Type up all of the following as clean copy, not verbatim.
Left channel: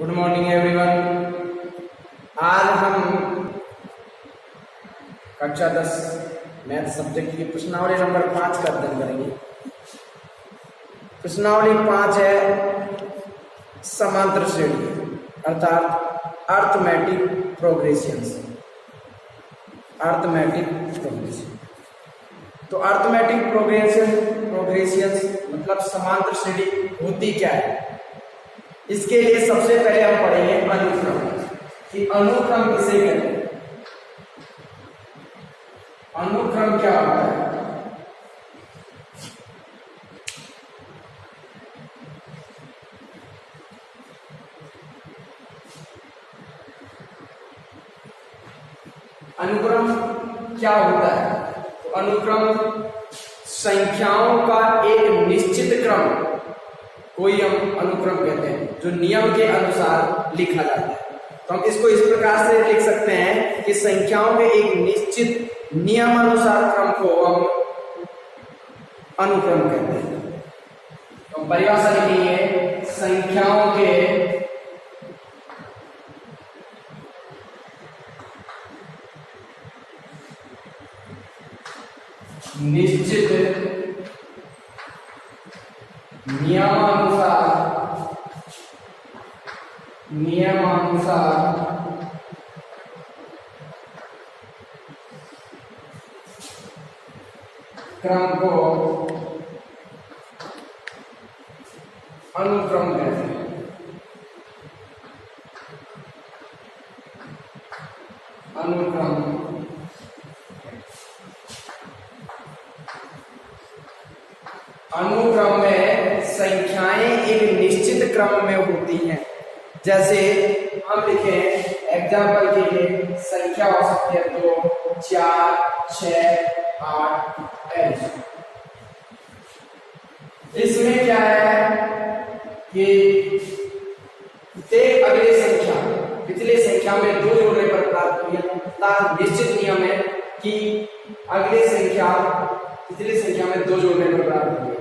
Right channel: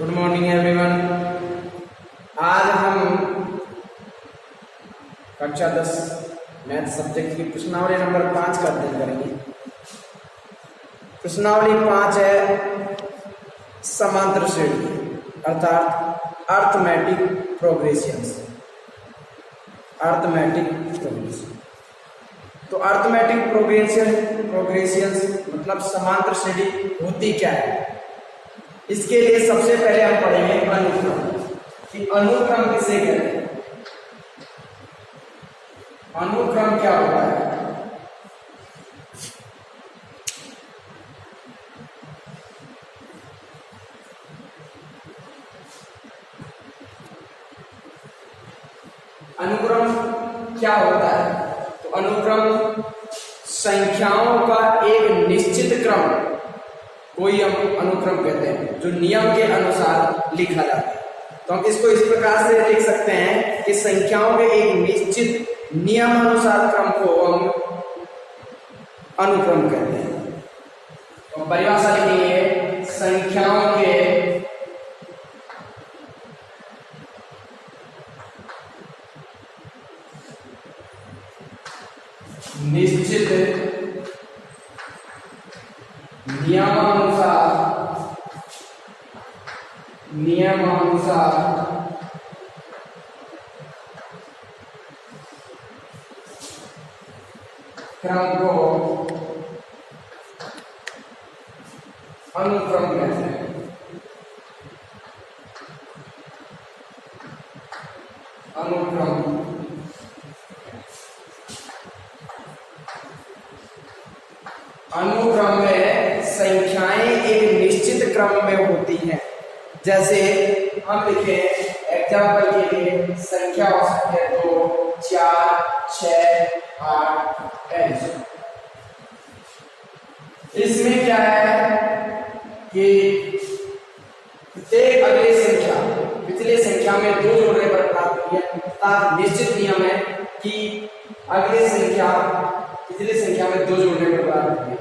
Good morning everyone. आज हम कक्षा 10 मैथ सब्जेक्ट की प्रश्नावली नंबर 5 का अध्ययन करेंगे। प्रश्नावली 5 है समांतर श्रेणी अर्थात अर्थमेटिक प्रोग्रेशंस। तो अर्थमेटिक प्रोग्रेशंस मतलब समांतर श्रेणी होती क्या है। इसके लिए सबसे पहले हम पढ़ेंगे अनुक्रम कि अनुक्रम किसे कहते हैं। अनुक्रम क्या होता है? अनुक्रम क्या होता है? तो अनुक्रम संख्याओं का एक निश्चित क्रम कोई हम अनुक्रम कहते हैं जो नियम के अनुसार लिखा जाता है। तो हम इसको इस प्रकार से लिख सकते हैं कि संख्याओं के एक निश्चित नियमानुसार क्रम को हम अनुक्रम कहते हैं। तो हम परिभाषा लिखेंगे संख्याओं के निश्चित नियमानुसार क्रम को अनुक्रम कहते हैं। अनुक्रम में संख्याएं एक निश्चित क्रम में होती हैं। जैसे हम लिखें एग्जाम्पल के लिए संख्या हो सकती है 2, 4, 6, 8, 10। इसमें क्या है कि प्रत्येक अगली संख्या पिछली संख्या में 2 जोड़ने पर प्राप्त हुई है तथा निश्चित नियम है कि अगली संख्या पिछली संख्या में 2 जोड़ने पर प्राप्त हुई है।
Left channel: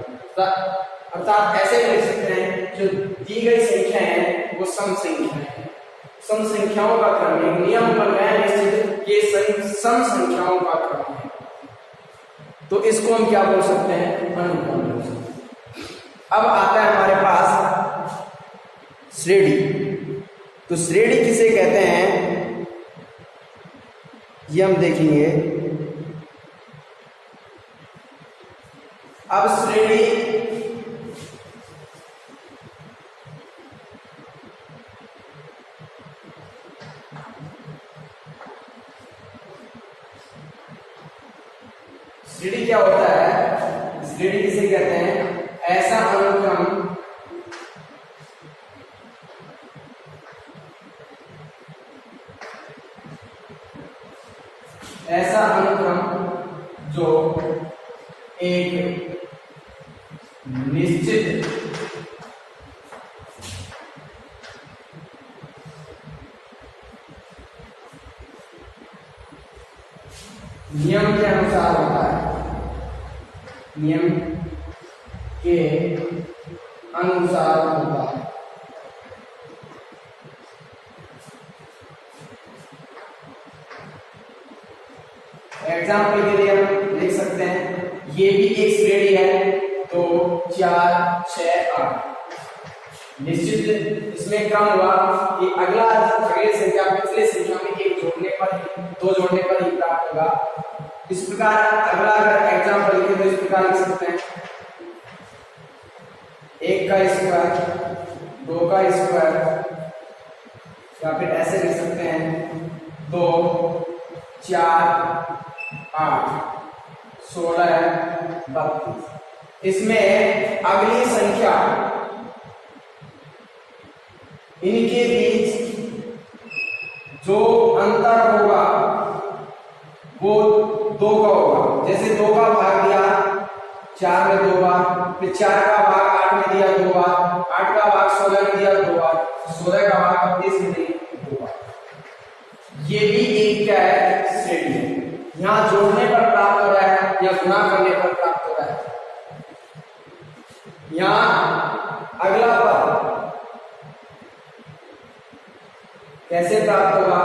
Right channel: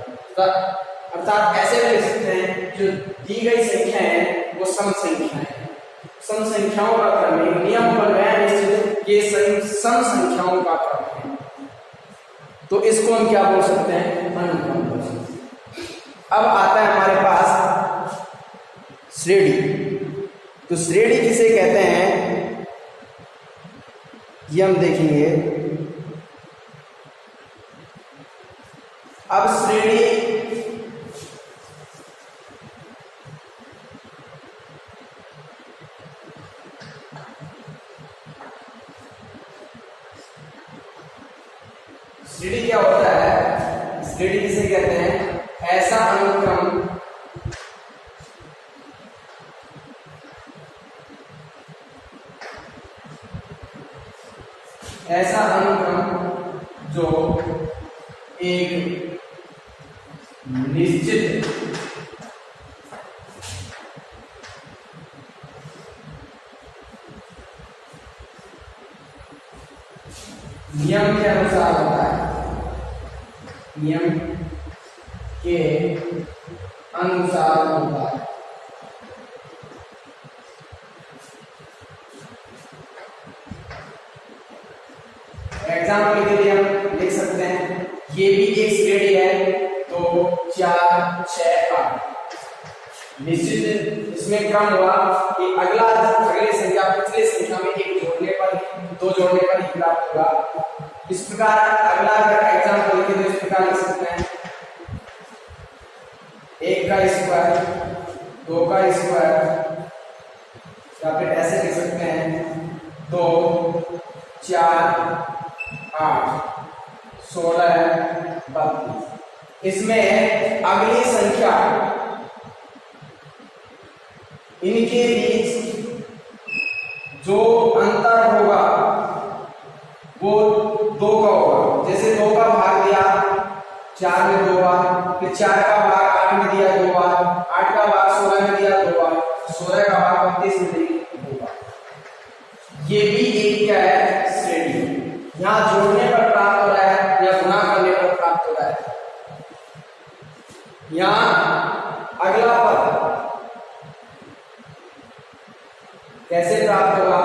अर्थात ऐसे लिख सकते हैं जो दी गई संख्या है वो सम संख्या है। सम संख्याओं का क्रम है, नियम बन गया निश्चित ये सम संख्याओं का क्रम है। तो इसको हम क्या बोल सकते हैं? अनुक्रम बोल सकते हैं। अब आता है हमारे पास श्रेणी। तो श्रेणी किसे कहते हैं ये हम देखेंगे। अब श्रेणी क्या होता है? श्रेणी किसे कहते हैं? ऐसा अनुक्रम जो एक निश्चित नियम के अनुसार होता है। नियम के अनुसार होता है। एग्जाम्पल के लिए हम लिख सकते हैं ये भी एक श्रेणी है। तो 4, 6, 8 निश्चित इसमें क्रम हुआ कि अगली संख्या पिछले संख्या में 1 जोड़ने पर 2 जोड़ने पर ही प्राप्त होगा। इस प्रकार अगला अगर एग्जाम्पल लिखे तो इस प्रकार लिख सकते हैं 1 का स्क्वायर 2 का स्क्वायर या फिर ऐसे लिख सकते हैं 2, 4, 8, 16, 32। इसमें अगली संख्या इनके बीच जो अंतर होगा वो 2 का होगा। जैसे 2 का भाग दिया 4 में 2 बार, फिर 4 का भाग 8 में दिया 2 बार, 8 का भाग 16 में दिया 2 बार, 16 का भाग 32 में दिया 2 बार। ये भी एक क्या है? श्रेणी है। यहाँ जोड़ने पर प्राप्त हो रहा है या गुणा करने पर प्राप्त हो रहा है। यहाँ अगला पद कैसे प्राप्त होगा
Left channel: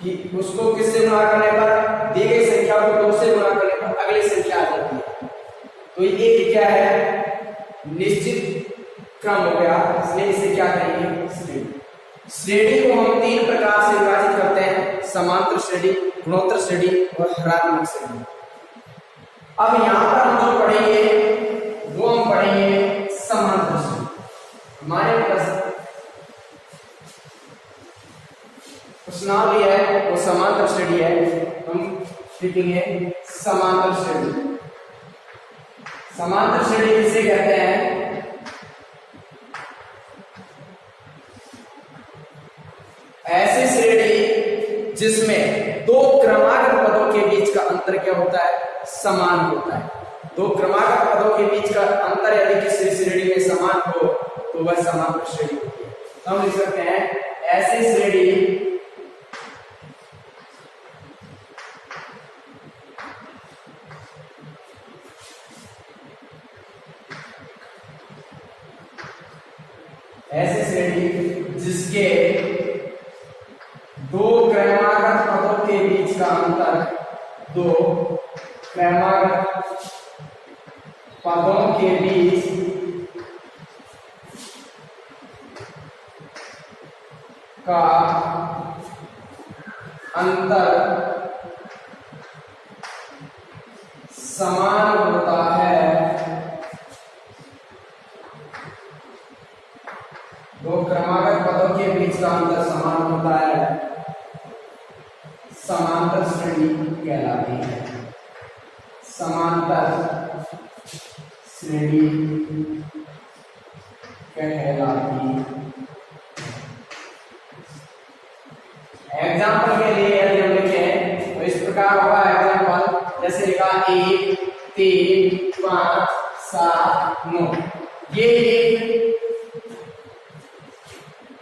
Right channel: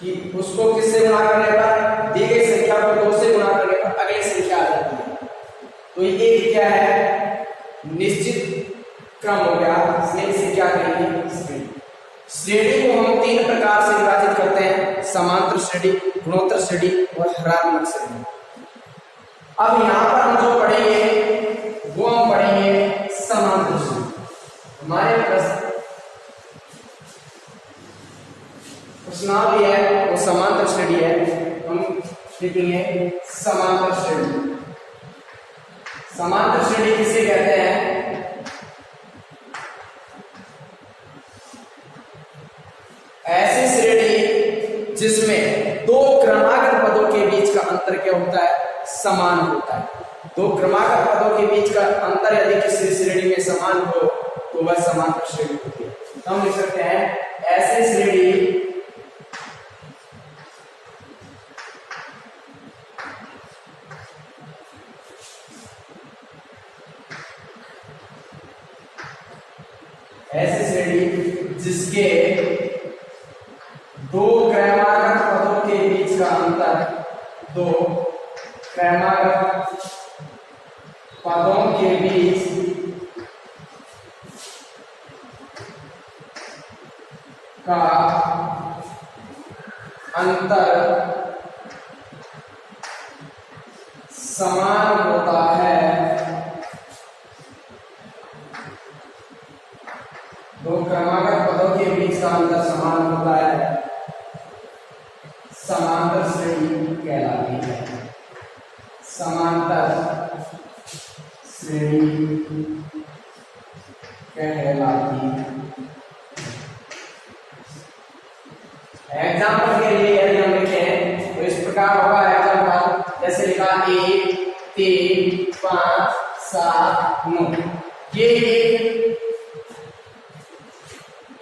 कि उसको किससे गुणा करने पर, दी गई संख्या को 2 से गुणा करने पर अगली संख्या आ जाती है। तो ये क्या है, निश्चित क्रम हो गया, इसलिए इसे क्या कहेंगे, श्रेणी। श्रेणी को हम 3 प्रकार से विभाजित करते हैं, समांतर श्रेणी, गुणोत्तर श्रेणी और हरात्मक श्रेणी। अब यहां पर हम जो पढ़ेंगे वो हम पढ़ेंगे समांतर श्रेणी। हमारे प्रश्नावली है वो समांतर श्रेणी है, हम लिखेंगे समांतर श्रेणी। समांतर श्रेणी किसे कहते हैं, ऐसी श्रेणी जिसमें 2 क्रमागत पदों के बीच का अंतर क्या होता है, समान होता है। 2 क्रमागत पदों के बीच का अंतर यदि किसी श्रेणी में समान हो तो वह समांतर श्रेणी होती है। तो हम लिख सकते हैं ऐसी श्रेणी जिसके 2 क्रमागत पदों के बीच का अंतर, 2 क्रमागत पदों के बीच का अंतर समान होता है, 2 क्रमागत पदों के बीच का अंतर समान होता है, समांतर श्रेणी कहलाती है। समांतर श्रेणी कहलाती है। एग्जाम्पल के लिए यदि हम लिखें तो इस प्रकार होगा एग्जाम्पल, जैसे लिखा 1 3 5 7 9, ये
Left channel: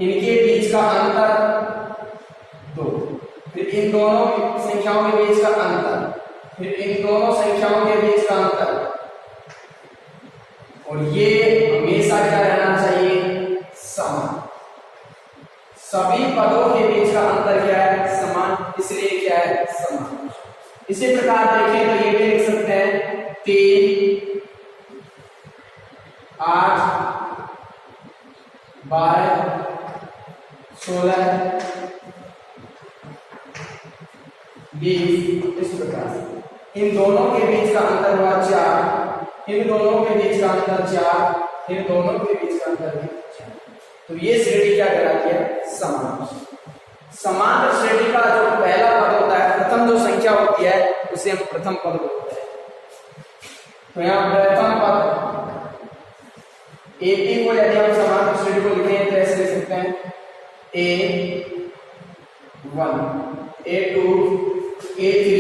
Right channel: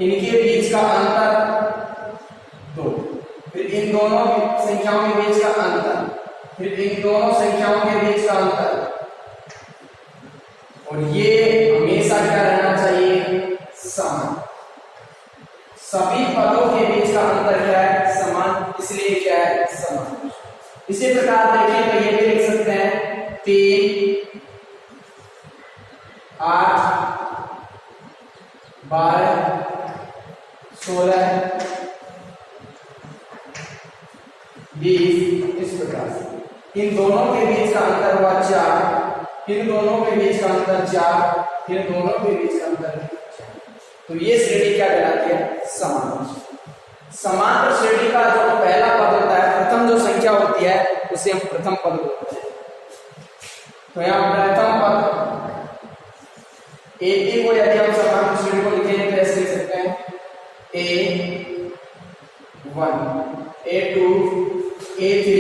इनके बीच का अंतर 2, फिर इन दोनों संख्याओं के बीच का अंतर, फिर इन दोनों संख्याओं के बीच का अंतर, और ये हमेशा क्या रहना चाहिए, समान। सभी पदों के बीच का अंतर क्या है, समान, इसलिए क्या है, समान। इसी प्रकार देखें तो ये भी लिख सकते हैं 3 8 12 16 20, इस प्रकार से। इन दोनों के बीच का अंतर हुआ 4, इन दोनों के बीच का अंतर 4, इन दोनों के बीच का अंतर भी 4। तो ये श्रेणी क्या कहलाती है, समांतर। समांतर श्रेणी का जो पहला पद होता है, प्रथम जो संख्या होती है उसे हम प्रथम पद बोलते हैं। तो यहाँ प्रथम पद ए को यदि हम समांतर श्रेणी को लिखें तो ऐसे लिख सकते हैं A1 A2 A3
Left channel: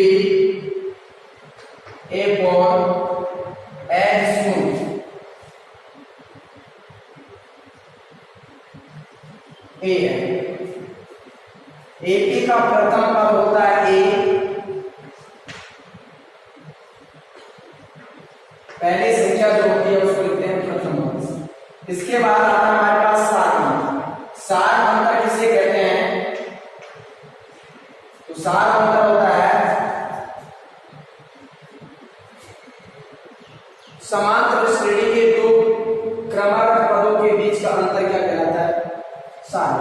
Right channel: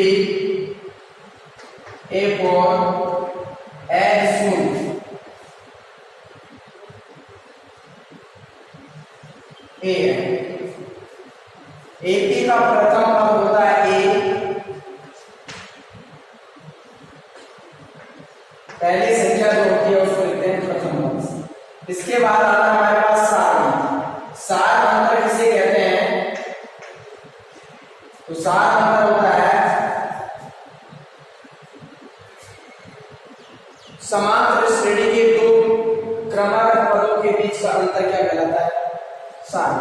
A4 A0 AP का प्रथम पद होता है A, पहली संख्या जो होती है उसको लिखते हैं प्रथम पद। इसके बाद आता है हमारे पास सार अंतर किसे कहते हैं, तो सार अंतर होता है समांतर श्रेणी के 2 क्रमागत पदों के बीच का अंतर क्या कहलाता है, सार।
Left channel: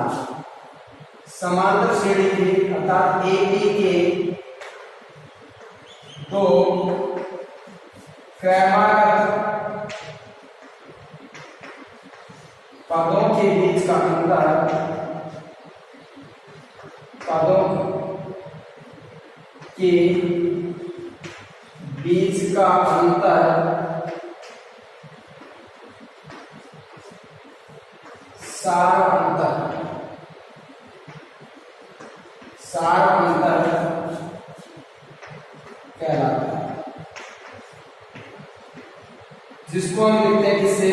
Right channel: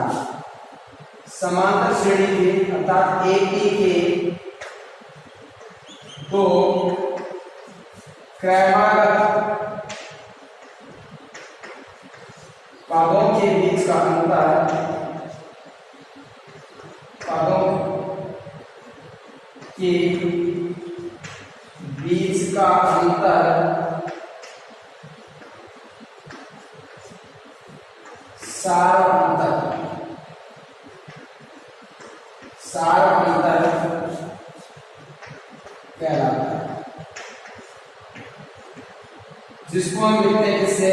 समांतर श्रेणी के अर्थात AP के 2 क्रमागत पदों के बीच का अंतर, पदों के बीच का अंतर सार अंतर, सार अंतर कहलाता है, जिसको हम लिखते हैं किससे,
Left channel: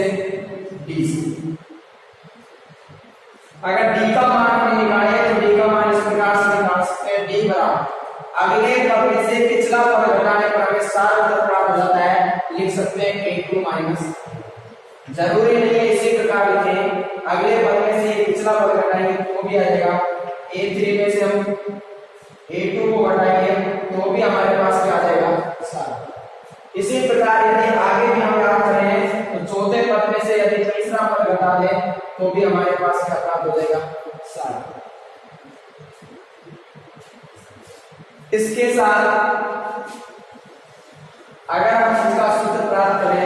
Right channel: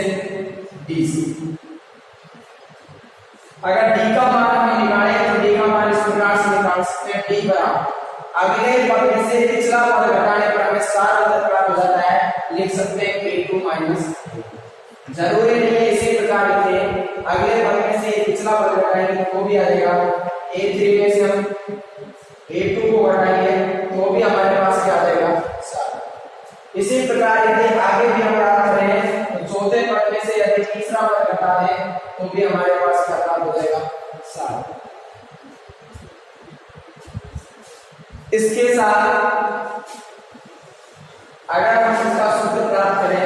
डी से। अगर डी का मान हमें निकाले तो डी का मान इस प्रकार से निकाल सकते हैं, डी बराबर अगले पद में से पिछला पद घटाने पर हमें सार अंतर प्राप्त हो जाता है, लिख सकते हैं A2 माइनस। जरूरी नहीं है इसी प्रकार लिखें, अगले पद में से पिछला पद घटाएंगे तो भी आ जाएगा। A3 में से हम A2 को घटाएंगे तो भी हमारे पास क्या आ जाएगा 7। इसी प्रकार यदि आगे भी हम याद करें तो चौथे पद में से यदि तीसरा पद घटा दें तो भी हमारे पास क्या प्राप्त हो जाएगा 7। इसके साथ अगर हम इसका सूत्र प्राप्त करें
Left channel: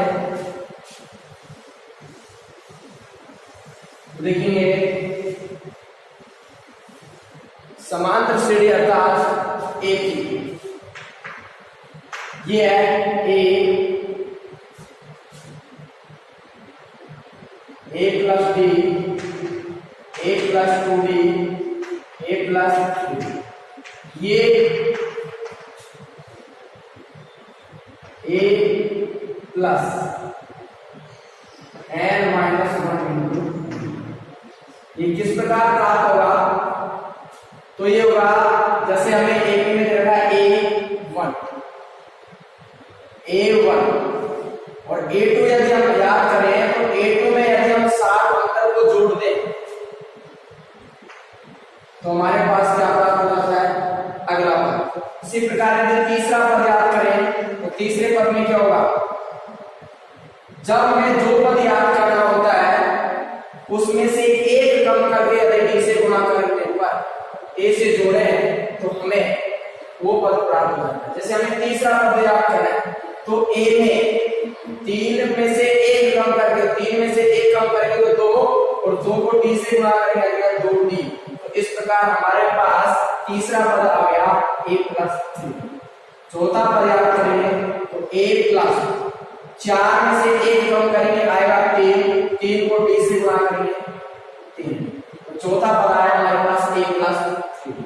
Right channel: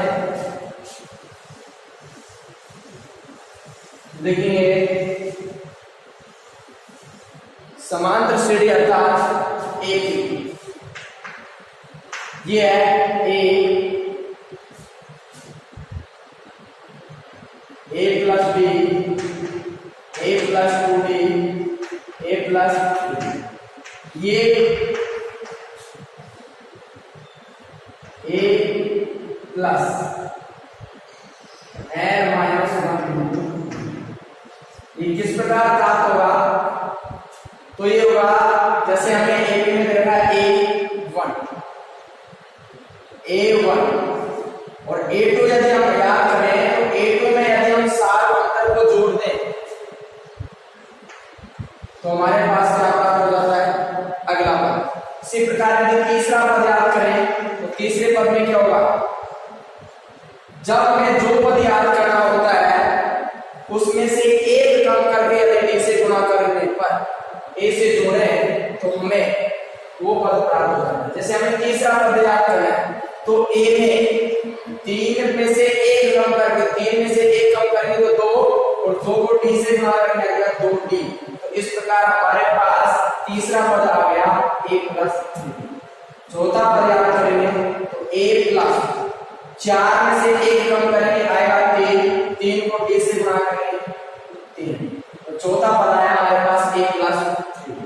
देखेंगे समांतर श्रेणी अर्थात एक ये है ए प्लस बी, ए प्लस 2b, ए प्लस 3, ये ए प्लस n माइनस 1, ये किस प्रकार प्राप्त होगा? तो ये होगा जैसे हमें एक में दे रखा है A1 और A2 यदि हम याद करें तो A2 में यदि हम सात अंतर को जोड़ दें तो हमारे पास क्या प्राप्त हो जाता है अगला पद। इसी प्रकार यदि तीसरा पद याद करें तो तीसरे पद में क्या होगा? जब हमें जो पद याद करना होता है उसमें से एक कम करके यदि B से गुणा करने पर A से जोड़े तो हमें वो पद प्राप्त हो जाता है। जैसे हमें तीसरा पद याद करना है तो A में 3 में से एक कम करके 3 में से एक कम करेंगे तो 2 और 2 को D से गुणा करेंगे अगला 2D। तो इस प्रकार हमारे पास तीसरा पद आ गया A प्लस 3। चौथा पद याद करेंगे तो A प्लस 4 में से एक कम करेंगे आएगा 3, 3 को D से गुणा करेंगे 3। तो चौथा पद आया हमारे पास A प्लस 3।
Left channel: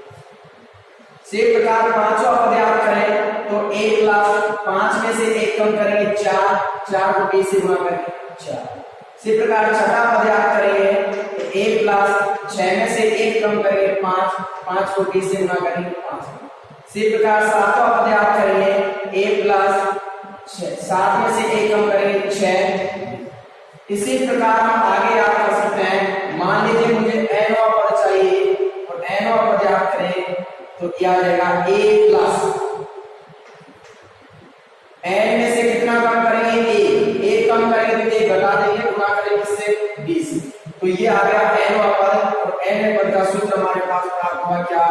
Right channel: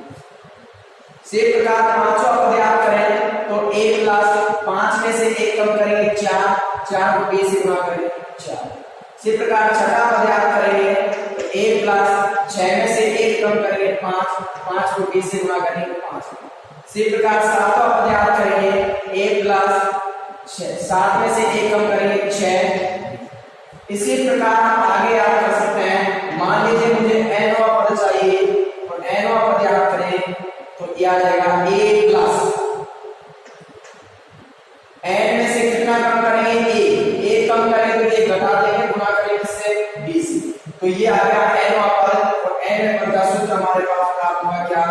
इसी प्रकार पांचवा पद याद करें तो A प्लस 5 में से एक कम करेंगे 4, 4 को B से गुणा करेंगे 4। इसी प्रकार छठा पद याद करेंगे तो A प्लस 6 में से एक कम करेंगे 5, 5 को B से गुणा करेंगे 5। इसी प्रकार सातवां पद याद करेंगे A प्लस 7 में से एक कम करेंगे 6। इसी प्रकार हम आगे याद कर सकते हैं। मान लीजिए मुझे nवां पद चाहिए और nवां पद याद करें तो क्या आ जाएगा A प्लस n में से कितना कम करेंगे a कम करेंगे तो 1 घटा देंगे गुणा करेंगे इससे b से। तो ये आ गया nवां पद और n पद का सूत्र हमारे पास प्राप्त हुआ क्या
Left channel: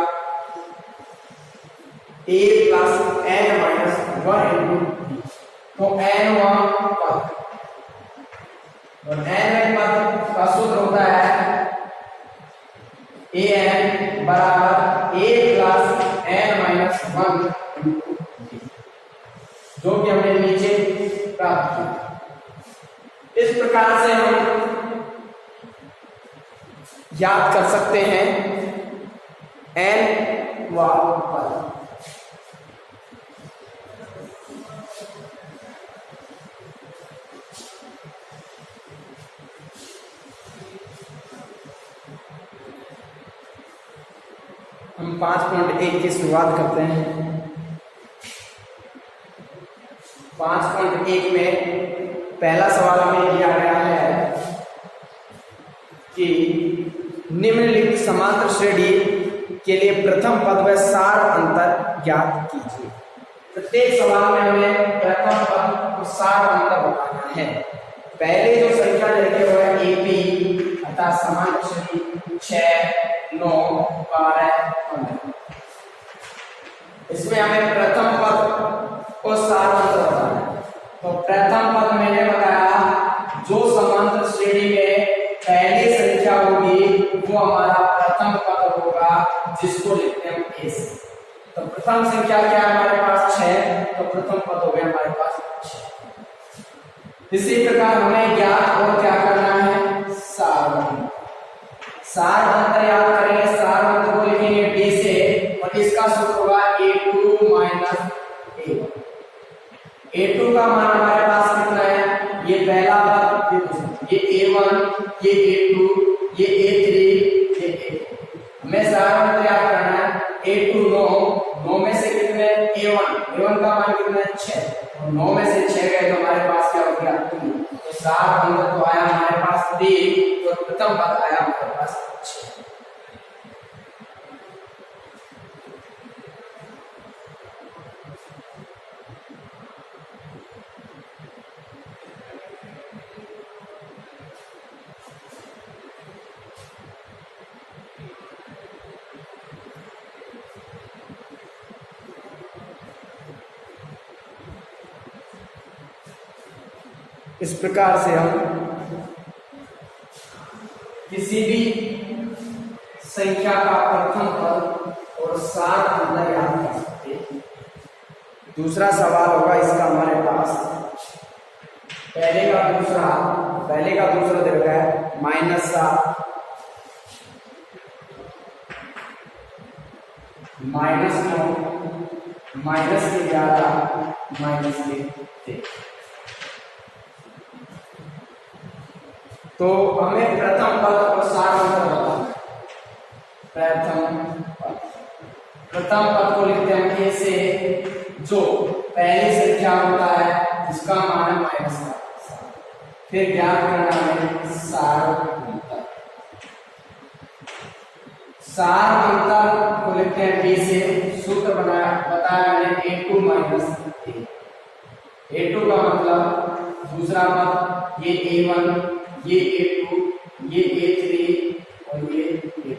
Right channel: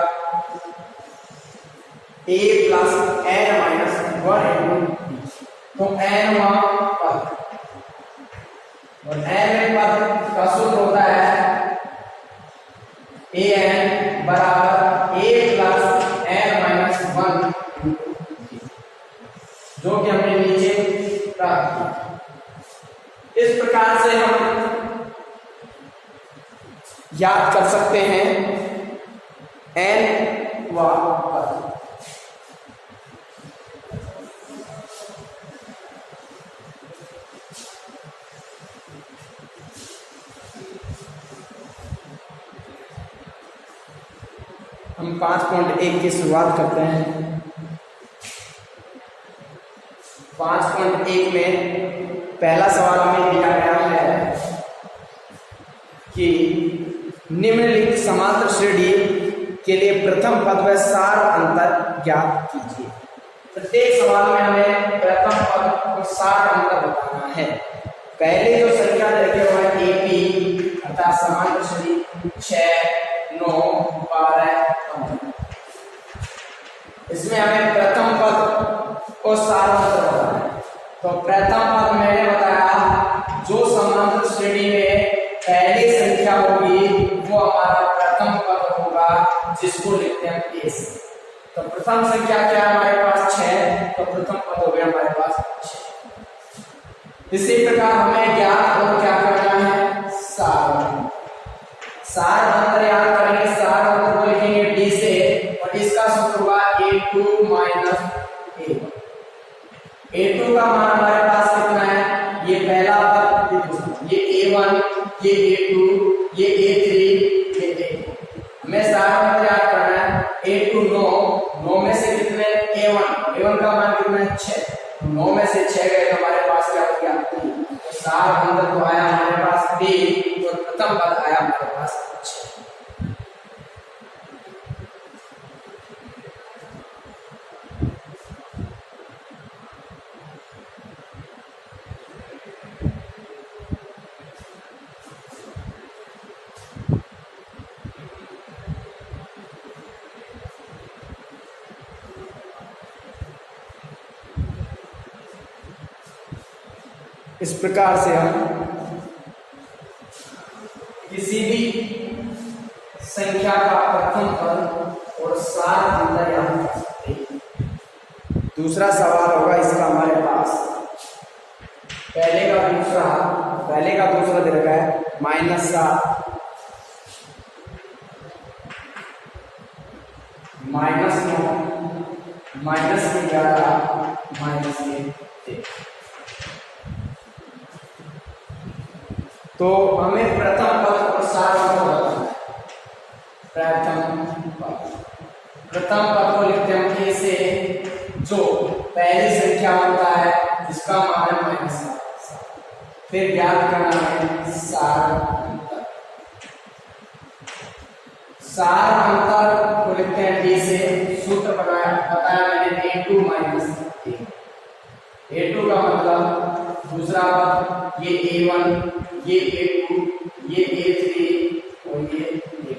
a plus n minus 1 into b। तो nवां पद और nवें पद का सूत्र होता है an बराबर a प्लस n माइनस 1 जो कि हमने नीचे प्राप्त किया। इस प्रकार से हम याद कर सकते हैं nवां पद। हम 5.1 की शुरुआत करते हैं। 5.1 में पहला सवाल हमें दिया गया है कि निम्नलिखित समांतर श्रेणी के लिए प्रथम पद व सार अंतर ज्ञात कीजिए। प्रत्येक सवाल में हमें प्रथम पद और सार अंतर बताना है। पहले जो संख्या लिखे हुए हैं AP अर्थात समांतर श्रेणी 6, 9, 12, 15, इसमें हमें प्रथम पद और सार अंतर बताना है। तो प्रथम पद मैंने बताया जो समांतर श्रेणी में पहली संख्या होगी वो हमारा प्रथम पद होगा जिसको लिखते हैं A से। तो प्रथम संख्या क्या है हमारे पास 6, तो प्रथम पद हो गया हमारे पास 6। इसी प्रकार हमें ज्ञात और क्या करना है सार अंतर। सार अंतर याद करेंगे, सार अंतर को लिखेंगे D से और इसका सूत्र होगा A2 माइनस A1। A2 का मान हमारे पास कितना है? ये पहला पद, ये A1, ये A2, ये A3, ये A4। हमें सार अंतर याद करना है। A2 9 में से कितने A1 का मान कितना है 6, 9 में से 6 गए तो हमारे पास क्या हो गया 3। तो सार अंतर तो आया हमारे पास 3 और प्रथम पद आया हमारे पास 6। इस प्रकार से हम किसी भी संख्या का प्रथम पद और सार अंतर याद कर सकते हैं। दूसरा सवाल होगा इसका हमारे पास, पहले का दूसरा दे रखा है -7 -9 -11 -3। तो हमें प्रथम पद और सार अंतर बताना है। प्रथम पद को लिखते हैं हम कैसे, जो पहली संख्या होता है जिसका मान है -7, फिर ज्ञात करना है सार अंतर। सार अंतर को लिखते हैं कैसे, सूत्र बताया मैंने A2 - A। A2 का मतलब दूसरा पद, ये A1, ये A2, ये A3 और ये A4।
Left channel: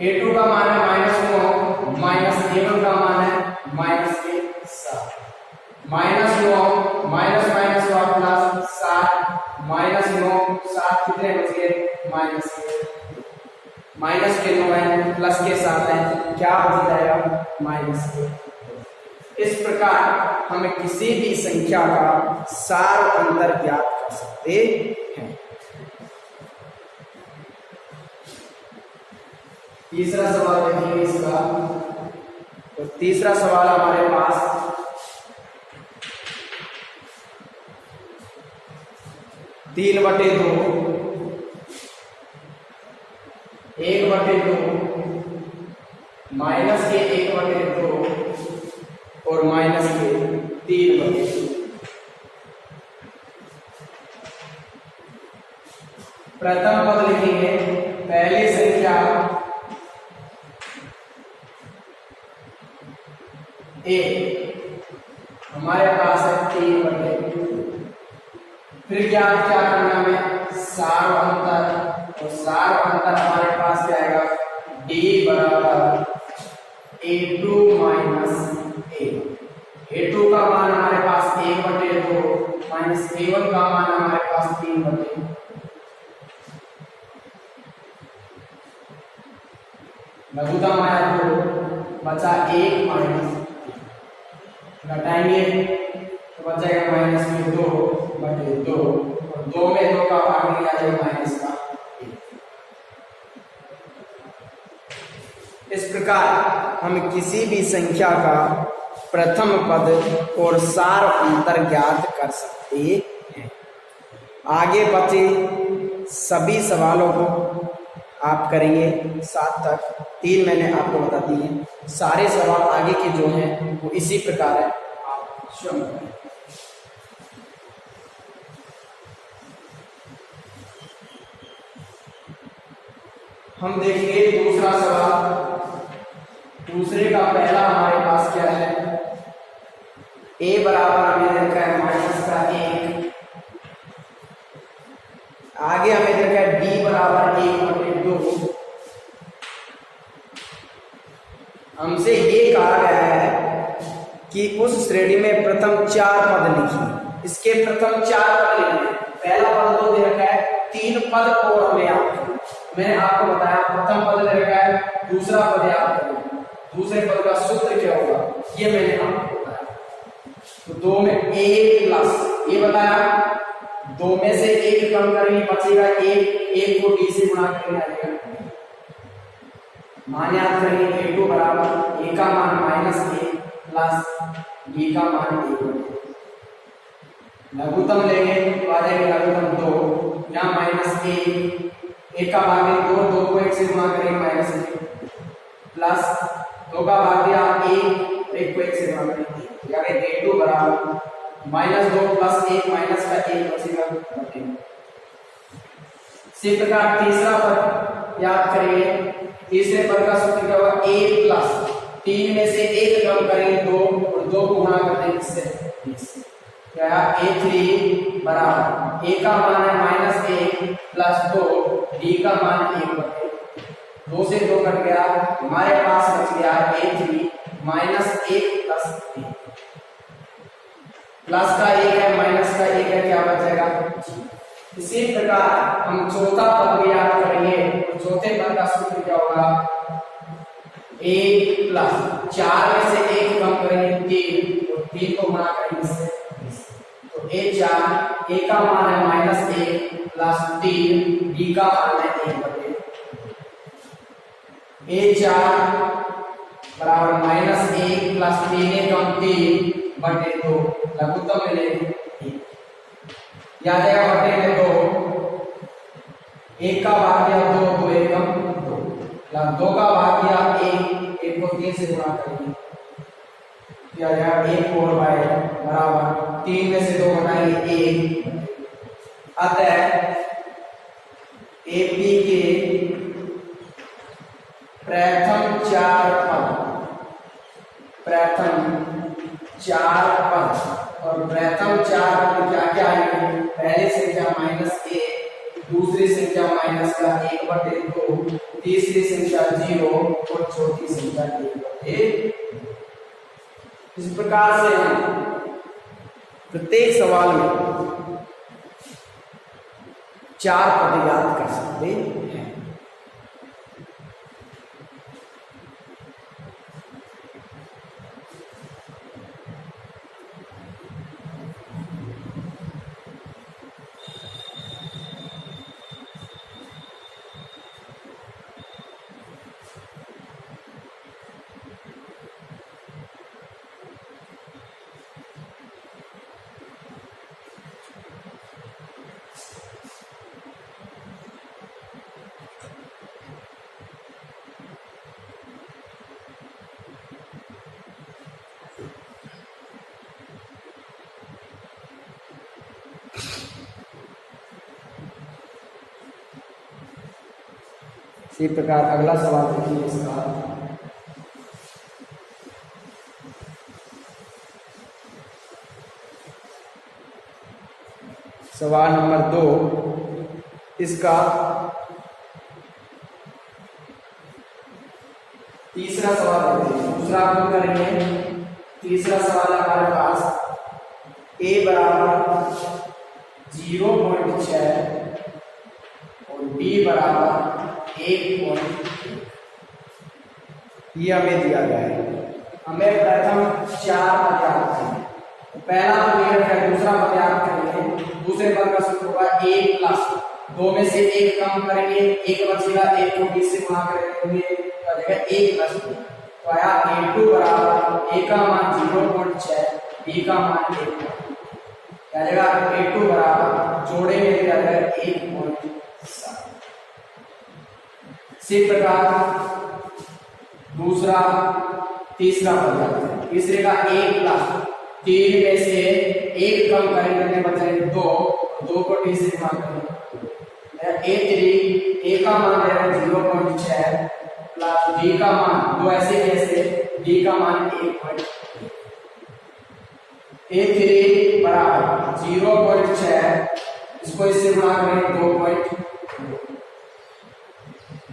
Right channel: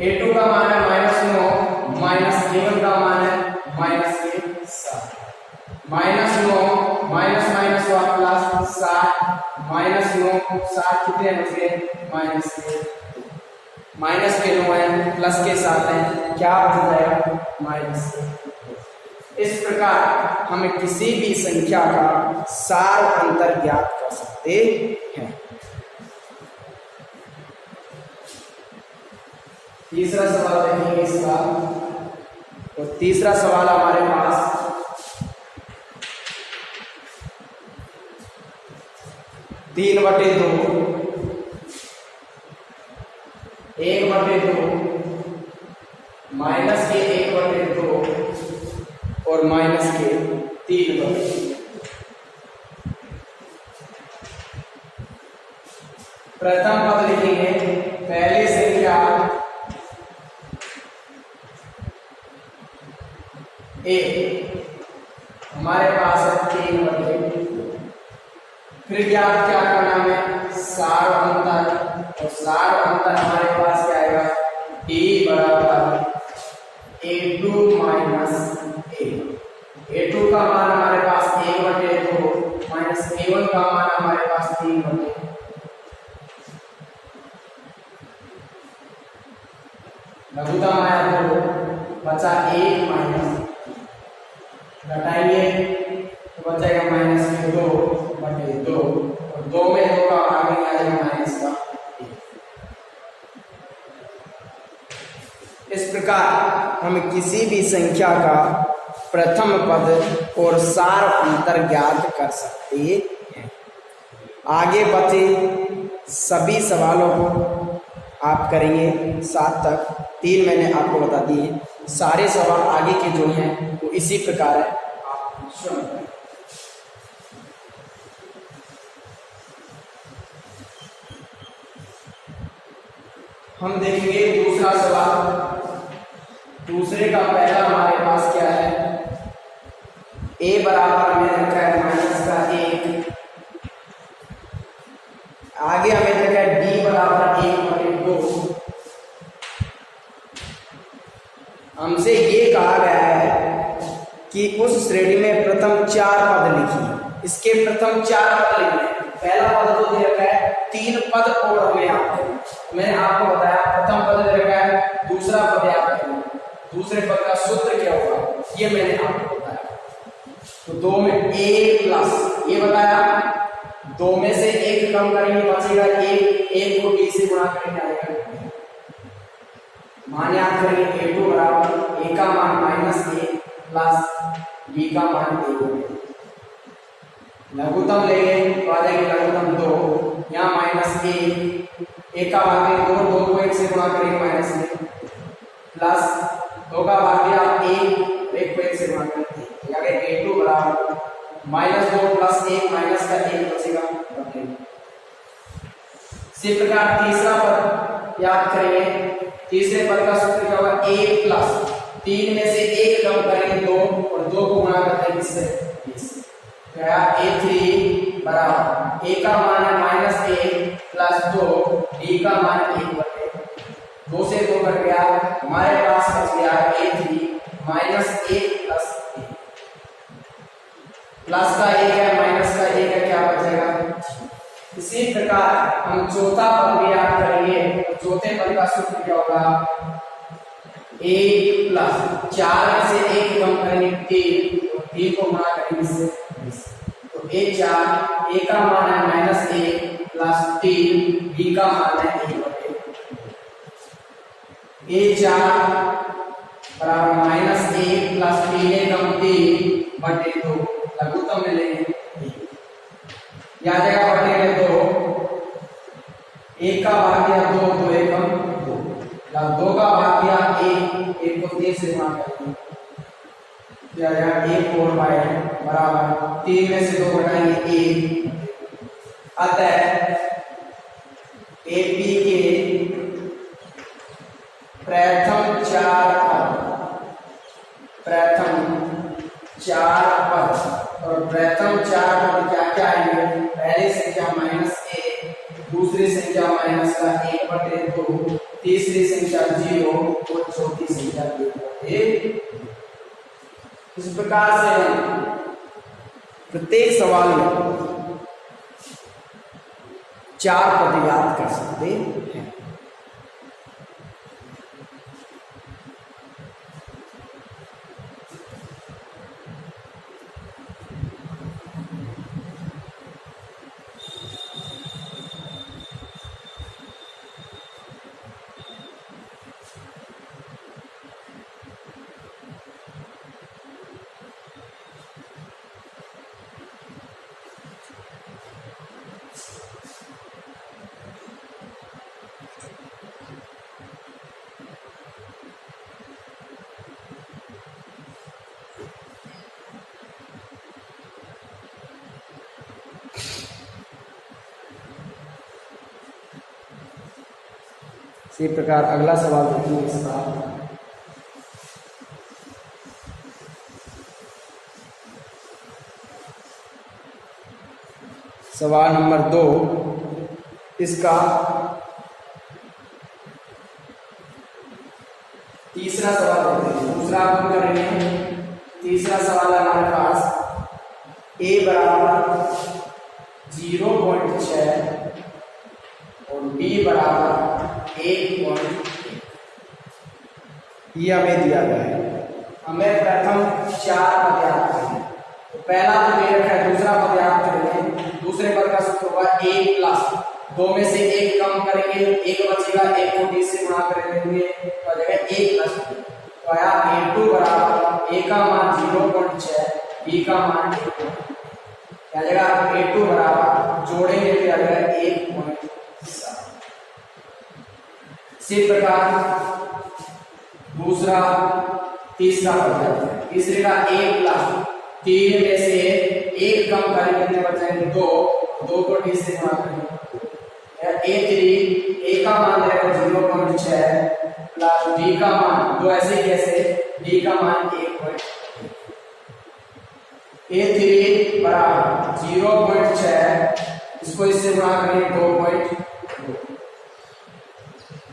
A2 का मान है -9, A1 का मान है -7। -9 माइनस हुआ +7, -9 7 कितने बच गए माइनस के 9 है, प्लस के 7 है, क्या बच जाएगा -2। इस प्रकार हम किसी भी संख्या का सार अंतर ज्ञात कर सकते हैं। तीसरा सवाल देखेंगे इसका, तो तीसरा सवाल हमारे पास 3/2 1/2 माइनस के 1/2 और माइनस के 3/2। प्रथम पद लिखेंगे, पहली संख्या ए हमारे पास है 3/2। फिर ज्ञात क्या करना है, सार अंतर, और सार अंतर हमारे पास क्या आएगा, d बराबर A2 - A। A2 का मान हमारे पास 1/2 माइनस A1 का मान हमारे पास 3/2। लघुत्तम आया 2, बचा 1 माइनस, घटाएंगे तो बचेगा -2/2 और 2 में 2 का भाग नहीं आ जाएगा माइनस का 1। इस प्रकार हम किसी भी संख्या का प्रथम पद और सार अंतर ज्ञात कर सकते हैं। आगे बचे सभी सवालों को आप करेंगे 7 तक, 3 मैंने आपको बता दिए। सारे सवाल आगे के जो हैं वो इसी प्रकार है, आप स्वयं करें। हम देखेंगे दूसरा सवाल। दूसरे का पहला हमारे पास क्या है, a बराबर हमें रखा है -1। आगे हमें रखा है d बराबर 1/2। हमसे ये कहा गया है कि उस श्रेणी में प्रथम 4 पद लिखिए। इसके प्रथम 4 पद लिखिए। पहला पद तो दे रखा है, 3 पद और हमें याद करना। मैंने आपको बताया प्रथम पद दे रखा है, दूसरा पद याद करना, दूसरे पद का सूत्र क्या होगा ये मैंने आपको बताया। तो 2 में a+, ये बताया, 2 में से 1 कम करेंगे बचेगा 1 को d से गुणा करेंगे आएगा। मान याद करेंगे, A2 बराबर a का मान -1 प्लस d का मान 1। लघुत्तम लेंगे तो आ जाएगा लघुत्तम 2, यहाँ -1 का भाग 2 को 1 से गुणा करेंगे -1 प्लस 2 का भाग 1 को 1 से गुणा करेंगे, A2 बराबर -2 + 1 माइनस का 1 बचेगा बटे। इसी प्रकार तीसरा पद याद करेंगे। तीसरे पद का सूत्र क्या होगा, a प्लस 3 में से 1 कम करेंगे 2 और 2 को गुणा करते हैं किससे, 20। क्या a3 बराबर a का मान है -1 प्लस 2, b का मान 1 बटे 2 से 2 कट गया, हमारे पास बच गया a3 -1 प्लस 1। प्लस का 1 है माइनस का 1 है, क्या बचेगा। इसी प्रकार हम चौथा पद भी याद करेंगे और चौथे पद का सूत्र क्या होगा, a प्लस 4 में से 1 कम करेंगे 3 और 3 को गुणा करेंगे इससे 20। तो a4 a का मान है -1 प्लस 3, b का मान है 1 बटे। a4 बराबर -1 प्लस 3 कम 3 बटे 2, लघुत्तम में लेंगे 1, या जाएगा बटे में 2, 1 का भाग्य 2, 2 एकम 2 प्लस 2 का भाग्य 1, 1 को 3 से गुणा करेंगे, क्या जाएगा 1 4 बराबर 3 में से 2 घटाएंगे 1। अतः AP के प्रथम 4 पद और प्रथम 4 पद क्या क्या आएंगे, पहली संख्या -1, दूसरी संख्या माइनस का 1 बटे 2, तीसरी संख्या 0 और चौथी संख्या 1 बटे। इस प्रकार से हम प्रत्येक सवाल में 4 पद याद कर सकते हैं। इसी प्रकार अगला सवाल देखिए इसका, सवाल नंबर 2। इसका तीसरा सवाल देखते हैं, दूसरा हम करेंगे। तीसरा सवाल हमारे पास a बराबर 0.6 और b बराबर 1.1 ये हमें दिया गया है। हमें प्रथम 4 पद याद करेंगे। तो पहला तो दे रखा है, दूसरा पद याद करेंगे। दूसरे पद का सूत्र होगा a प्लस 2 में से 1 कम करेंगे 1 बचेगा, 1 को b से गुणा करेंगे तो आ जाएगा 1 प्लस 2। तो आया a2 बराबर a का मान 0.6, b का मान 1, क्या जाएगा a2 बराबर जोड़ेंगे तो आ जाएगा 1.7। इसी प्रकार दूसरा तीसरा पद है। तीसरे का a प्लस 3 में से 1 कम करेंगे कितने बचेंगे 2, 2 को d से गुणा करेंगे a3 a का मान रहेगा 0.6 प्लस d का मान 2 ऐसे कैसे d का मान 1.1, a3 बराबर 0.6 इसको इससे गुणा करेंगे 2.2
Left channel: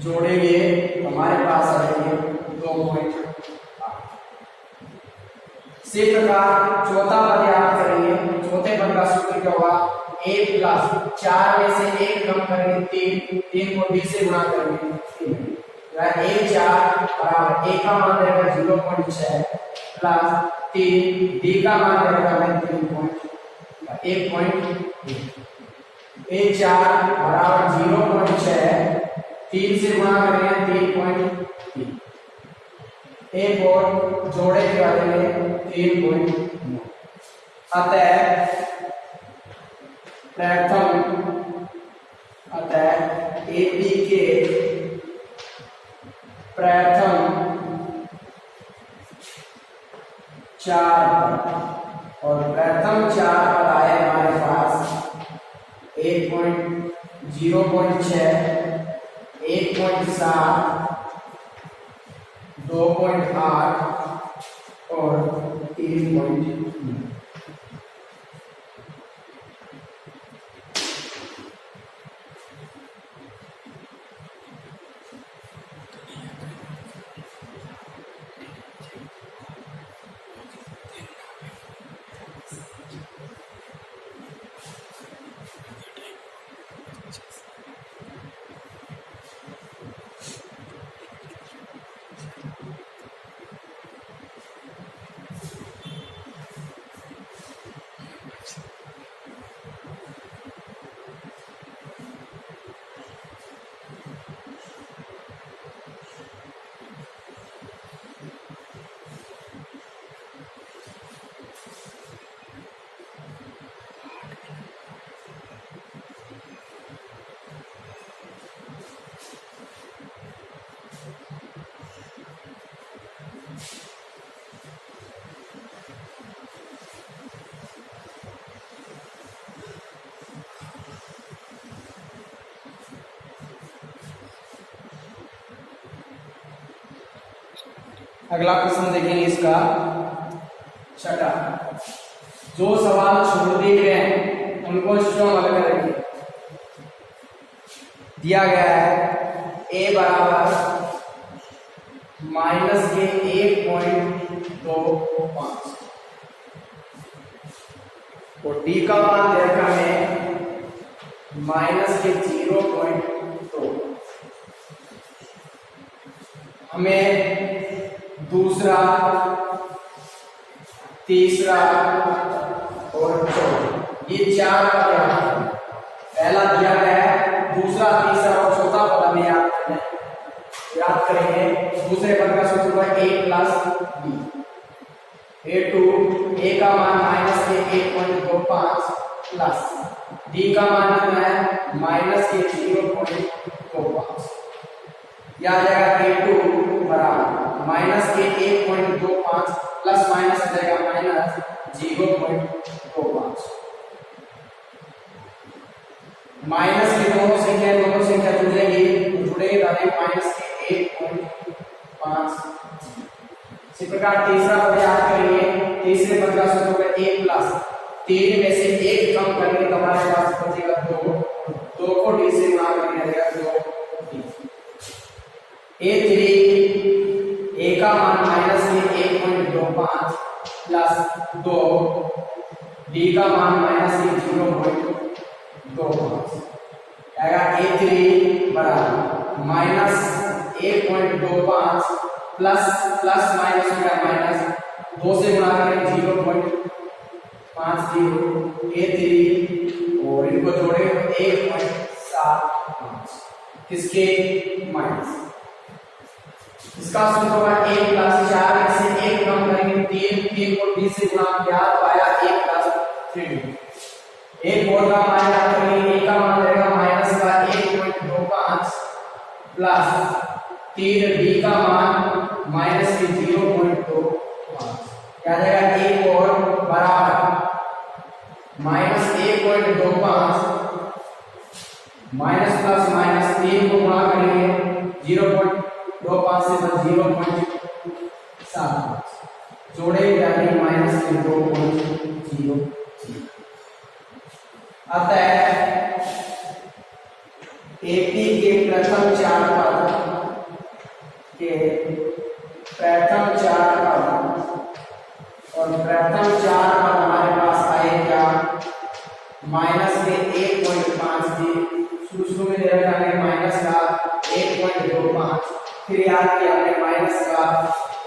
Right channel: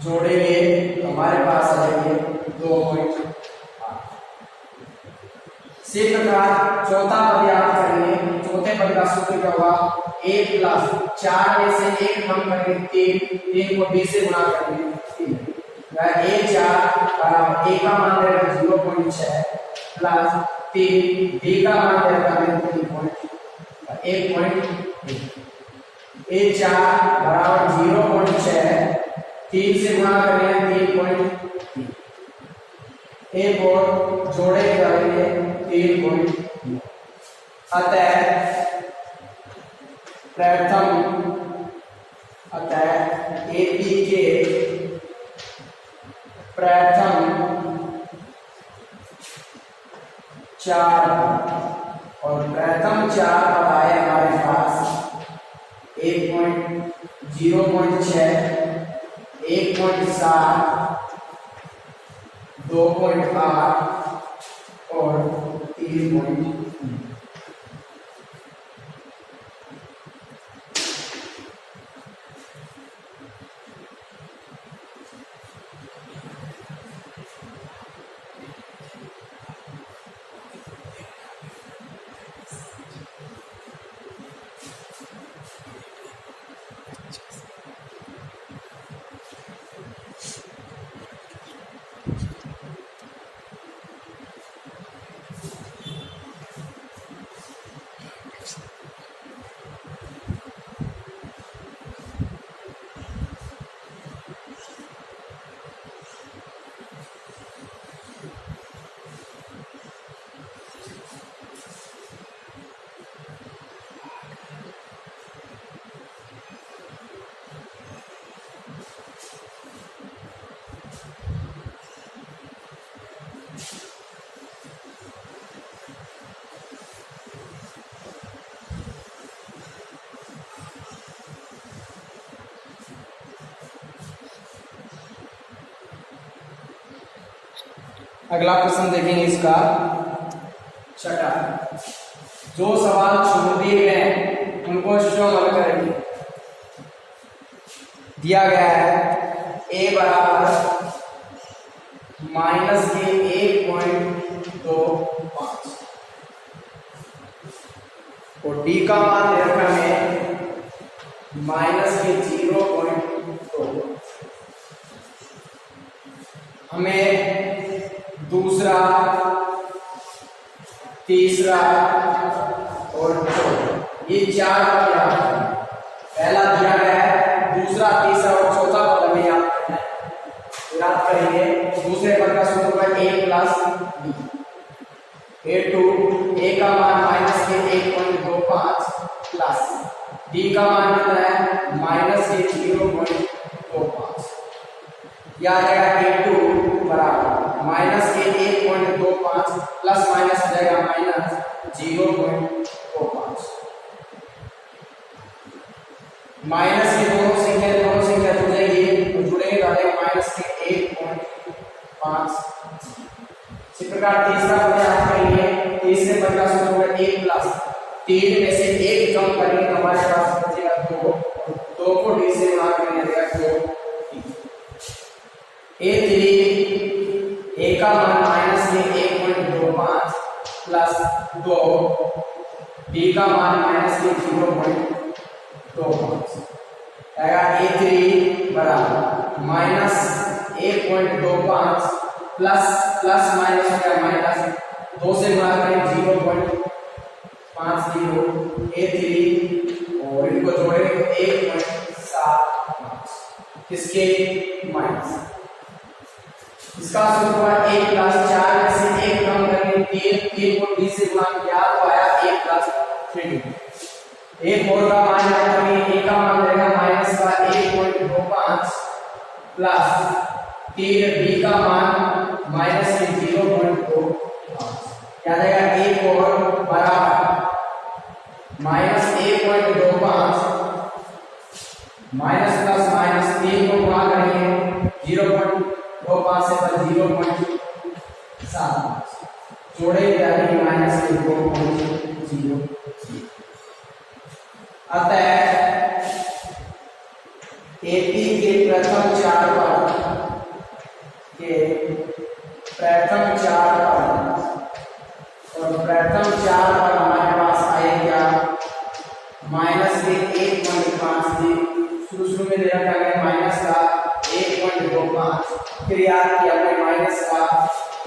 जोड़ेंगे तो हमारे पास आ जाएंगे 2.8। इसी प्रकार चौथा पद याद करेंगे। चौथे पद का सूत्र क्या होगा, a प्लस 4 में से 1 कम करेंगे 3 को b से गुणा करेंगे 3, a4 बराबर a का मान रहेगा 0.6 प्लस 3 d का मान रहेगा 1.1, a4 बराबर 0.6 3 से गुणा करेंगे 3.3, a4 जोड़े करेंगे 3.9। अतः AB के प्रथम 4 और प्रथम 4 0.6, 1.7, 2.8 और 3.9। अगला प्रश्न देखेंगे इसका छठा। जो सवाल छोड़ दिए गए हैं उनको स्वयं हल करेंगे। दिया गया है a बराबर -1.25 और d का मान दे रखा है -0.2। हमें दूसरा, तीसरा और चौथा ये चार क्या है, पहला दिया गया है, दूसरा, तीसरा और चौथा पद हमें याद करना है। याद करेंगे दूसरे पद का सूत्र है a plus b। a2 a का मान -1.25 प्लस d का मान कितना है -0.25। याद आएगा a2 बराबर -1.25 प्लस माइनस जाएगा -0.25। माइनस की दोनों संख्या जुड़ जाएगी तो जुड़ेगा -1.5। इसी प्रकार तीसरा पद याद करेंगे। तीसरे पद का सूत्र है a प्लस 3 में से 1 कम करेंगे तो हमारे पास बचेगा 2 को d से गुणा करेंगे तो 2 a3 a का मान -1.25 प्लस 2 b का मान -0.25 आएगा। a3 बराबर -1.25 प्लस माइनस हो गया माइनस 2 से गुणा करें 0.50 a3 और इनको जोड़े तो 1.75 किसके माइनस। इसका सूत्र होगा 1 प्लस 4 में से 1 कम करेंगे 3 को d से गुणा किया तो आया 1 प्लस 3d। एक और का मान याद करेंगे, a का मान रहेगा माइनस का 1.25 प्लस 3d का मान -0.25 क्या जाएगा। एक और बराबर -1.25 माइनस प्लस माइनस 3 को गुणा करेंगे 0.25 से 0.75 जोड़े जाके -2.00। अतः एपी के प्रथम चार पद और प्रथम चार पद हमारे पास आए क्या माइनस के 1.5 दी। शुरू में दे रखा है माइनस का 1.25, फिर याद किया हमने माइनस का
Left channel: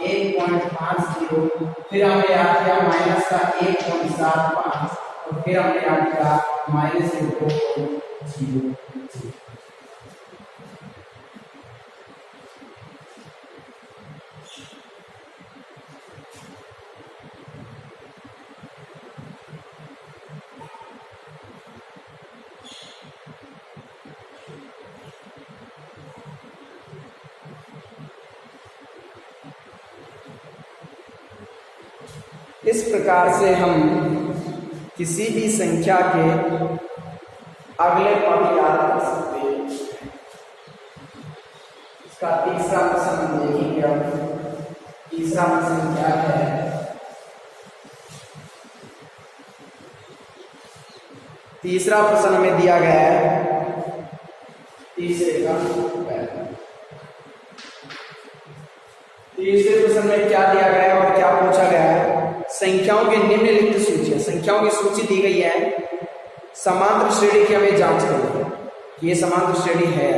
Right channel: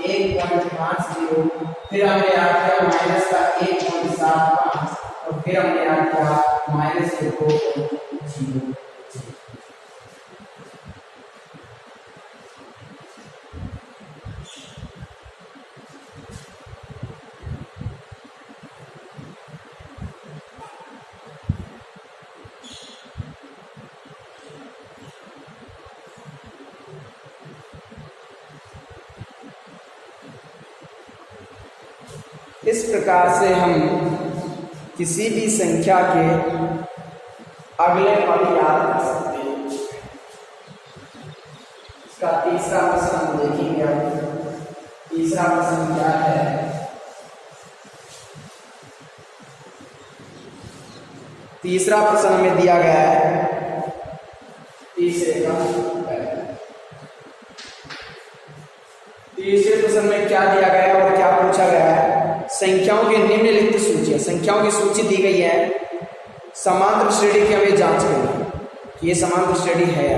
1.50, फिर हमने याद किया माइनस का 1.75 और फिर हमने याद किया -2.00। इस प्रकार से हम किसी भी संख्या के अगले पद याद कर सकते हैं। इसका तीसरा प्रश्न हम देखेंगे। अब तीसरा प्रश्न क्या है? तीसरा प्रश्न हमें दिया गया है तीसरे प्रश्न में क्या दिया गया है और क्या पूछा गया है? संख्याओं की निम्नलिखित सूची है। संख्याओं की सूची दी गई है, समांतर श्रेणी की हमें जांच करनी है कि ये समांतर श्रेणी है या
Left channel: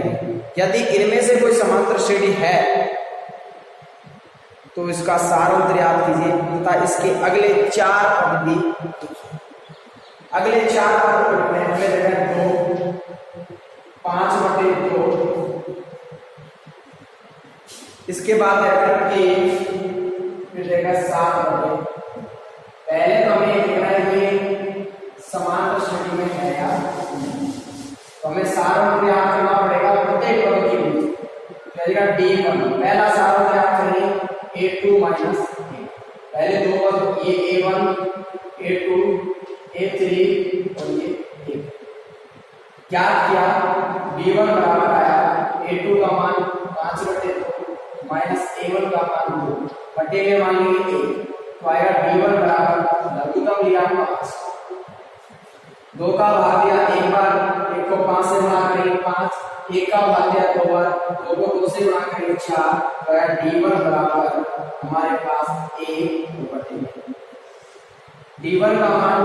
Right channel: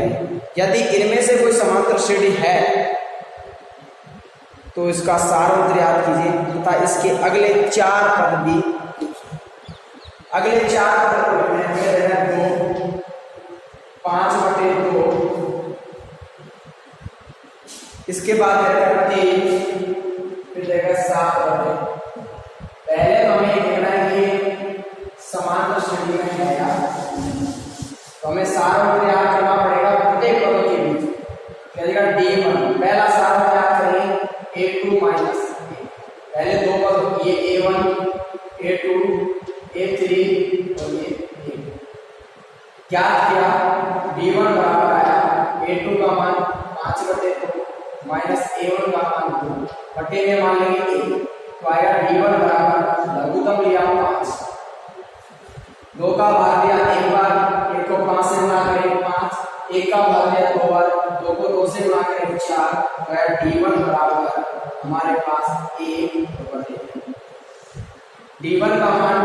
नहीं। यदि इनमें से कोई समांतर श्रेणी है तो इसका सारांश याद कीजिए तथा इसके अगले 4 पद भी लिखिए। अगले 4 पद को लिखने में 2 5/2, इसके बाद रहेगा 3, फिर रहेगा 7/2। पहले तो हमें ये देखना है ये समांतर श्रेणी में है या तो हमें सारांश याद करना पड़ेगा प्रत्येक पदों के बीच। क्या देगा D1। पहला सारांश याद करिए A2 - A। पहले दो पद ये A1 A2 A3 और ये A। क्या किया? D1 बराबर आया A2 का मान 5/2 माइनस A1 का मान 2 बटे में मान लेंगे 1 तो आएगा D1 बराबर लघुत्तम लिया 5, 2 का भाग लिया एक बार, 1 को 5 से गुणा करेंगे 5, 1 का भाग लिया 2 बार, 2 को 2 से गुणा करेंगे 4 तो आएगा D1 बराबर हमारे पास 1/2। D1 का मान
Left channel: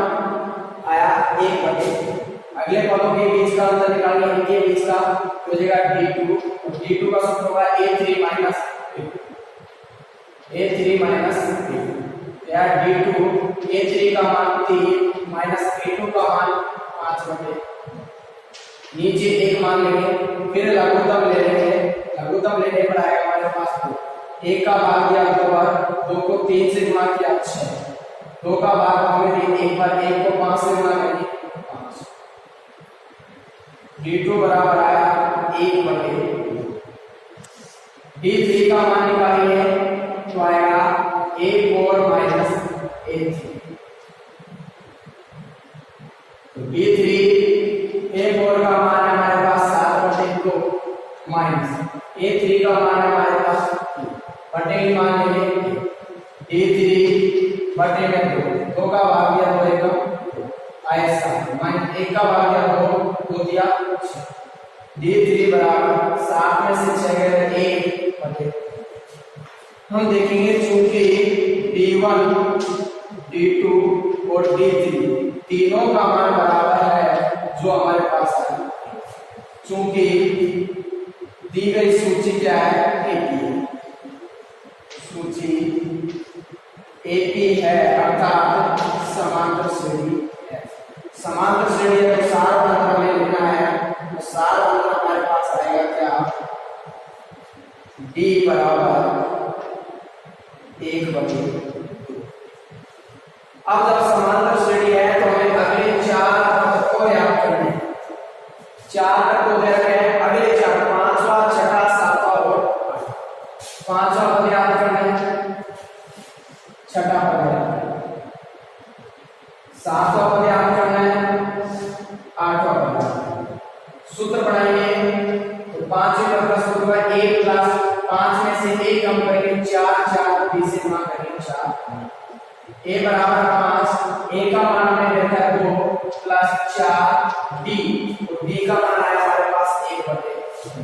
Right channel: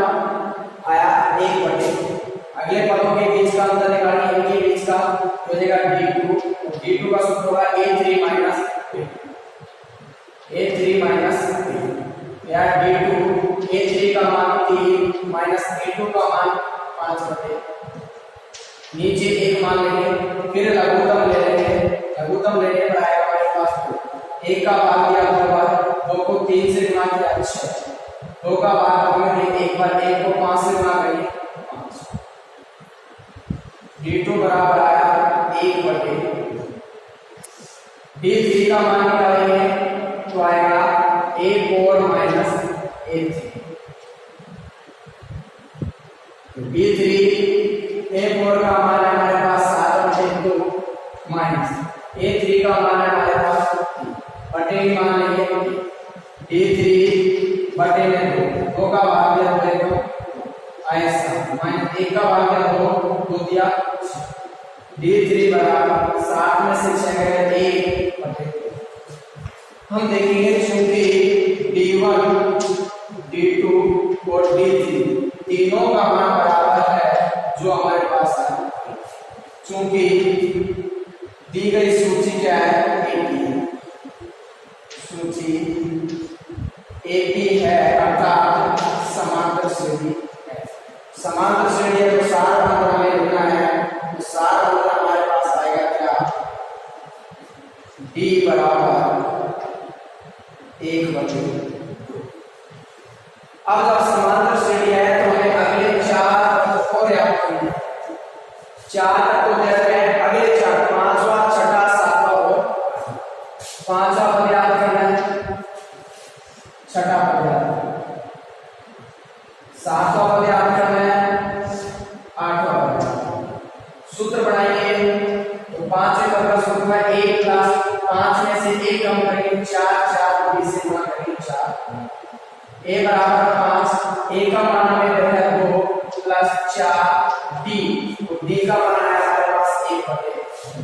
आया 1/2। अगले पदों के बीच का अंतर निकालिए, इनके बीच का हो जाएगा D2 और D2 का सूत्र होगा A3 - A। या D2 A3 का मान 3 माइनस A2 का मान 5/2। नीचे एक मान लेंगे, फिर लघुत्तम ले लेंगे। लघुत्तम लेने पर आएगा हमारे पास 2, 1 का भाग दिया 2 बार, 2 को 3 से गुणा किया 6, 2 का भाग हमें एक बार, 1 को 5 से गुणा करेंगे 5। D2 बराबर आया 1/2। D3 का मान निकालेंगे तो आएगा A4 - A3। तो D3 A4 का मान है हमारे पास 7/2 माइनस A3 का मान है हमारे पास 3 बटे में मान लेंगे D3 बटे में 2 का भाग दिया 2 एकम आया 7 माइनस 1 का भाग दिया 2 दिया 6। D3 बराबर 7 में से 6 गए 1/2। हम देखेंगे चूंकि D1 D2 और D3 तीनों का मान बराबर है जो हमारे पास है, चूंकि दी गई सूची क्या है? एक ही है, सूची एक ही है अर्थात समांतर श्रेणी है। समांतर श्रेणी का सार अंतर हमें लेना है तो सार अंतर हमारे पास आएगा क्या? D बराबर 1/2। अब जब समांतर श्रेणी है तो हमें अगले 4 पद को याद करने हैं। 4 को दे रहे हैं अगले 4, 5वां 6वां 7वां और 5वां पद याद करना है, 6वां पद याद करना है, 7वां पद याद करना है, 8वां पद। सूत्र बनाइए तो 5वें पद का सूत्र है A प्लस 5 में से 1 कम करेंगे 4 4 B से गुणा करेंगे 4। A बराबर 5, A का मान हमें रहता है 2 प्लस 4 D और D का मान है हमारे पास 1/2।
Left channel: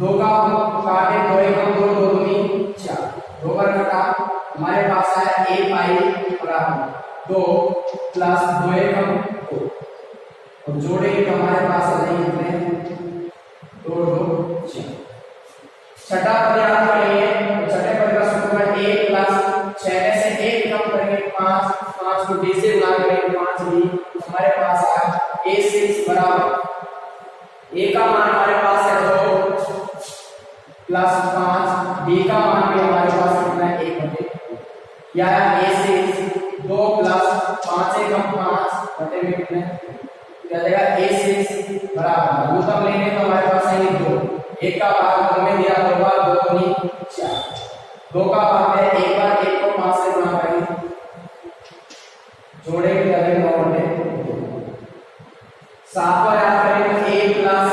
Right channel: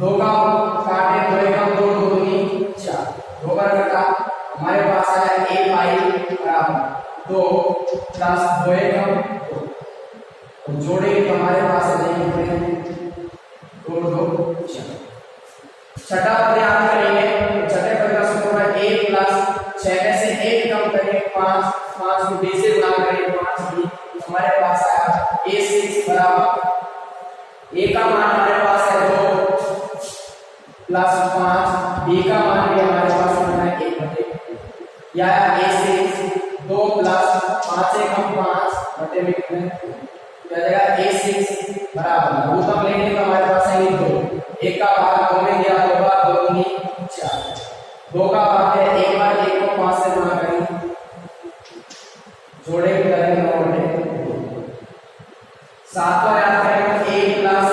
2 का काटे 2 एकम 2 2 दूनी 4, 2 बार कटा हमारे पास आया A पाई बराबर 2 प्लस 2 एकम 2 और जोड़ेंगे तो हमारे पास आ जाएंगे 2 2 4। छठा पद याद करेंगे तो छठे पद का सूत्र है A प्लस 6 में से 1 कम करेंगे 5, 5 को D से गुणा करेंगे 5D, हमारे पास आया A6 बराबर A का मान हमारे पास है 2 प्लस 5, D का मान भी हमारे पास कितना है 1/2। या A6 2 प्लस 5 से कम 5 बटे में कितने क्या जाएगा A6 बराबर लघुत्तम लेंगे तो हमारे पास आएंगे 2, 1 का भाग 2 में दिया 2 बार 2 दूनी 4, 2 का भाग है 1 बार, 1 को 5 से गुणा करेंगे जोड़ेंगे करेंगे 9/2। सातवां याद करेंगे ए प्लस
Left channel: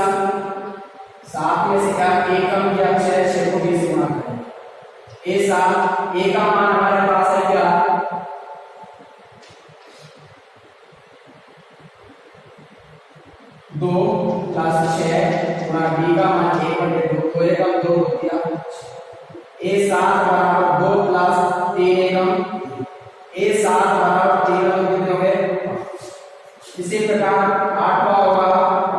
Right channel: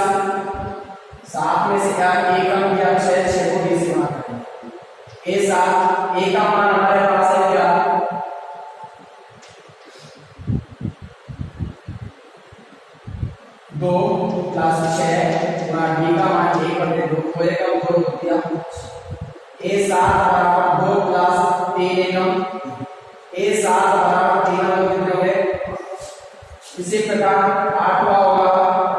सात में से क्या एकम या छह को बी से गुणा करेंगे। ए सात ए का मान हमारे पास है क्या 2 प्लस 6 गुणा डी का मान 1/2 तो एकम 2 हो गया। ए सात बराबर 2 प्लस 3 एकम ए सात बराबर 3 एकम कितने हुए। इसी प्रकार आठवां होगा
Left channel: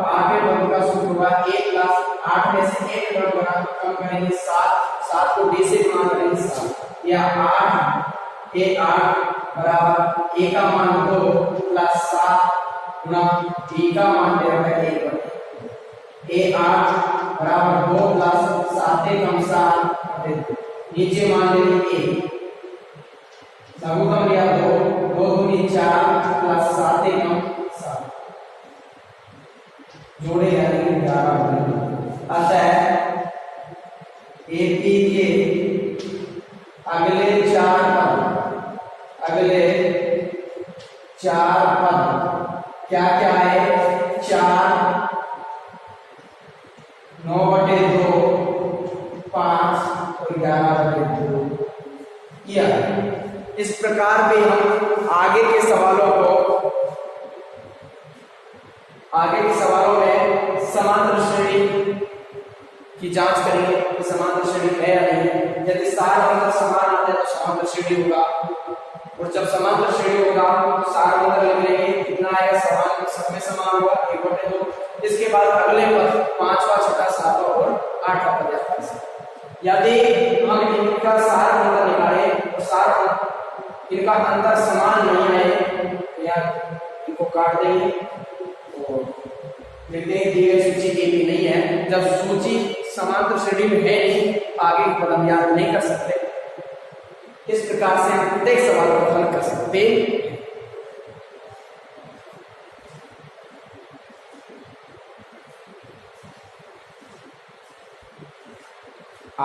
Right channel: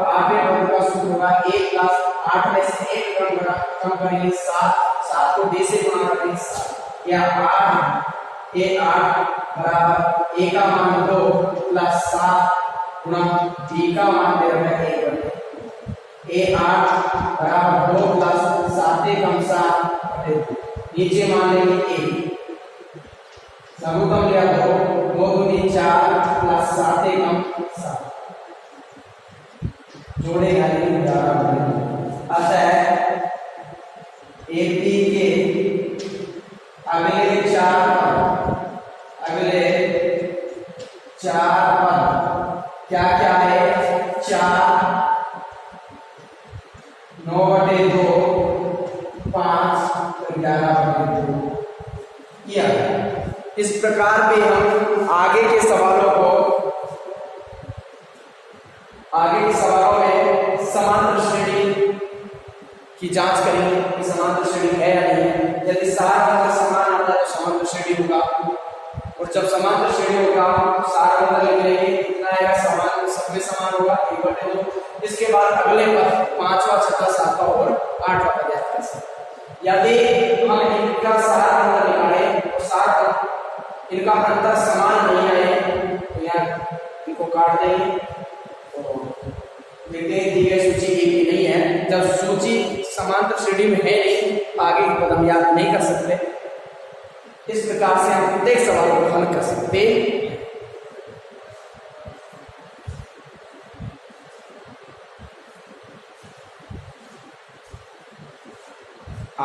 आठवें पद का सूत्र होगा ए प्लस 8 में से एक पद बड़ा कम करेंगे 7 को डी से गुणा करेंगे 7 या 8 ए 8 बराबर ए का मान 2 प्लस 7 गुणा डी का मान दे रहा है 1 ए 8 बराबर 2 प्लस 7 कम 7 नीचे मान लेंगे ए लघुगम लिया 2 2 दूनी 4 प्लस 7 कम 7 जोड़ेगा लेकिन 11 अतः एपी के अगले 4 पद क्या क्या है 4 9/2 5 और 11/2 यह इस प्रकार पे हम आगे के सवालों में समांतर श्रेणी की जांच करेंगे कि समांतर श्रेणी है या नहीं। यदि सार अंतर समान आता है तो समांतर श्रेणी होगा और जब समांतर श्रेणी होगा तो सार अंतर लिख लेंगे कितना आएगा समान सब में समान होगा 1/2। इसके बाद अगले पद 5वां 6वां 7वां और 8वां पद याद कर सकते। यदि हम इनका सार अंतर निकाले और सार इनका अंतर समान नहीं आए तो यहाँ इनको काट देंगे तो लिखते हैं दी गई सूची ए भी नहीं है। जब सूची समांतर श्रेणी में है नहीं तो आगे के पद हम याद नहीं कर सकते। इस प्रकार से हम प्रत्येक सवाल को हल कर सकते हैं।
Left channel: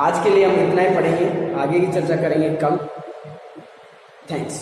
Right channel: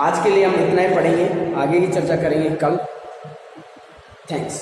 आज के लिए हम इतना ही पढ़ेंगे, आगे की चर्चा करेंगे कल। थैंक्स।